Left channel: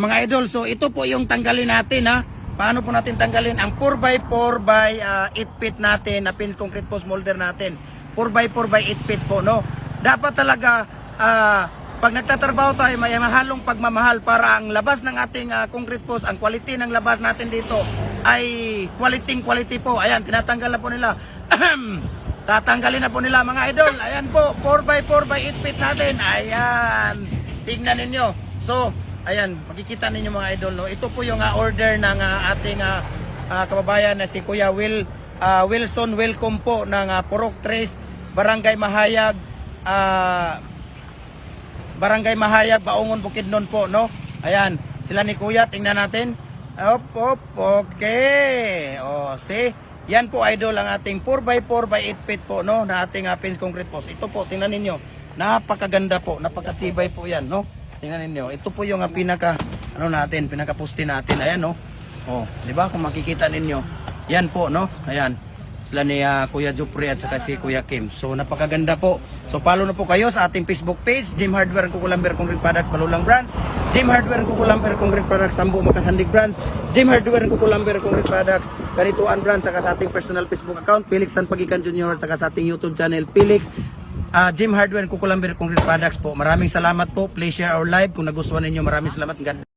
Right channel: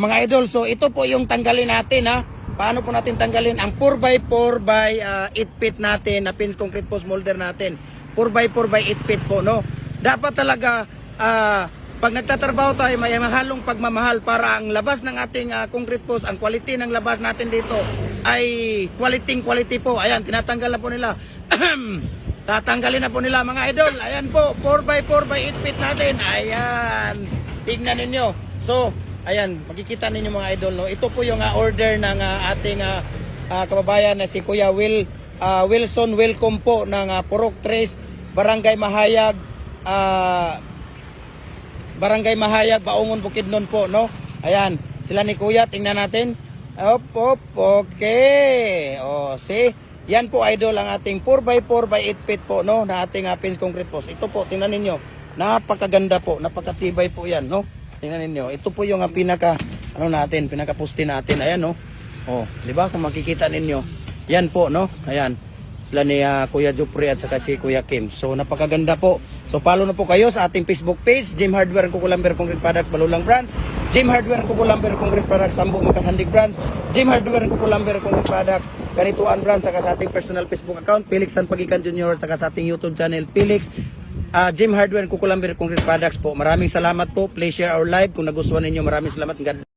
mga idol. So ito po yung tanggalin natin ha. Paano po natin tanggalin ang 4x4 by 8 feet natin na pin concrete post molder natin. 4x4 by 8 feet po, no. Dapat talaga pag nagtatrabaho tayo may mahalong pagmamahal para ang labas ng ating concrete post, ang quality ng labas natin dito ay quality po. Ayan, tinatanggal na po nila. Tatanggalin na po nila mga idol. Ayan po, 4x4 by 8 feet natin. Ayan, tignan ninyo. So, ayan, makikita ninyo mga idol, no? Ito po yung order ng ating kababayan na si Kuya Wilson Welcome po ng Purok Tres, Barangay Mahayag, Baungon, Bukidnon po, no? Ayan, sila ni Kuya, tingnan natin. Okay. See? Yan po idol ang ating 4x4 by 8 feet po, no? Na ating pins concrete post. Ito po, tingnan ninyo. Napakaganda po, napakatibay po yan, no? Tingnan ninyo. Ito po yung pinaka poste natin. Ayan, no? Oh, 'di ba? Kung makikita ninyo. Yan po, no? Ayan. Sila ni Kuya Jupri at saka si Kuya Kim. So napakaganda po. So follow na po kayo sa ating Facebook page, Jim Hardware and Kukulamber Concrete Product Balulang Branch, Jim Hardware and Kukulamber Concrete Products Tambo Makasandig Branch, Jim Hardware and Kukulamber Concrete Products Ganituan Branch, saka sa ating personal Facebook account Felix San Pagikan Jr. saka sa ating YouTube channel Felix Jim Hardware and Kukulamber Concrete Products po. Maraming salamat po. Please share our live kung nagustuhan ninyo. Maraming salamat. God